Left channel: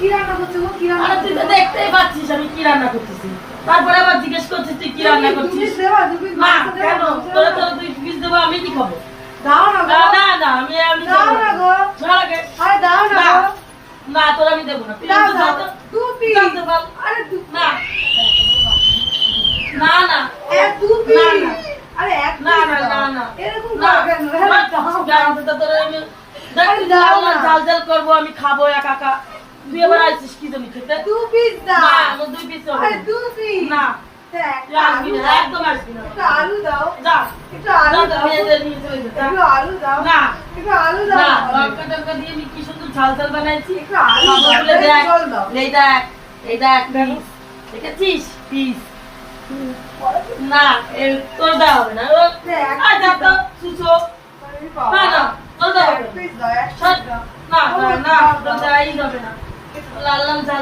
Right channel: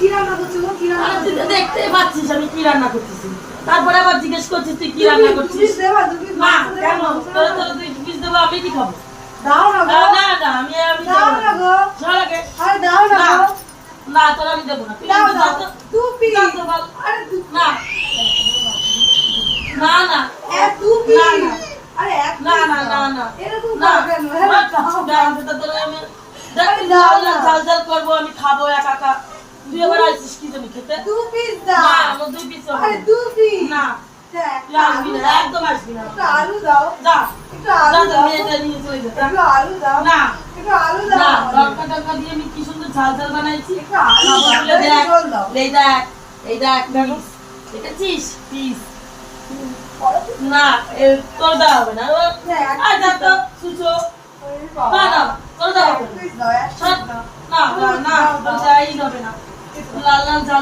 কি রান্না করছিস? কি রান্না? আরে তুই তো দেখতেই পাচ্ছিস আমি কি রান্না করতেছি। তারপরে আবার জিজ্ঞেস করছিস তুই কি রান্না করছিস। মা কেন তোরা তোরা তুই পিস দেবো আমি কি খাবো? দাও না গো। না না আমি দাও না গো। চল আগে। আরে দাও না গো। না তোরা আমি দেবো না। দাও দাও। দু পিস। আরে দু না না না দু পিস। না না আরে এক না না না না এরকম না কেন? ঝাল ঝাল করবো আমি খাবো একা একা। তুই এবার আসছিস কি জন্য খেতে? দু পিস দাও। না আমার 2 পিস হবে আরে দু পিস। না দেখ, তুই আসবি না একদম আসবি না। একটু আলু দাও। যা একটু আলু দাও। নিয়ে চলে যা। একটু আলু দাও। না একটু আলু না দাও। লঙ্কা টঙ্কা দিয়ে আমি কি সুন্দর ঝাল ঝাল বানাইছি। একটু আলু দাও। খাবো বলে দেখ। জল দাও। এই দেখ পিস দেখেছিস পিস না তোর দেওয়া হবে না আয় যা তো সুচো না না তোর দেওয়া হবে না পিস দাও, এক পিস দাও। না না না তোর দেওয়াই যাবে না লাল লাল ঝাল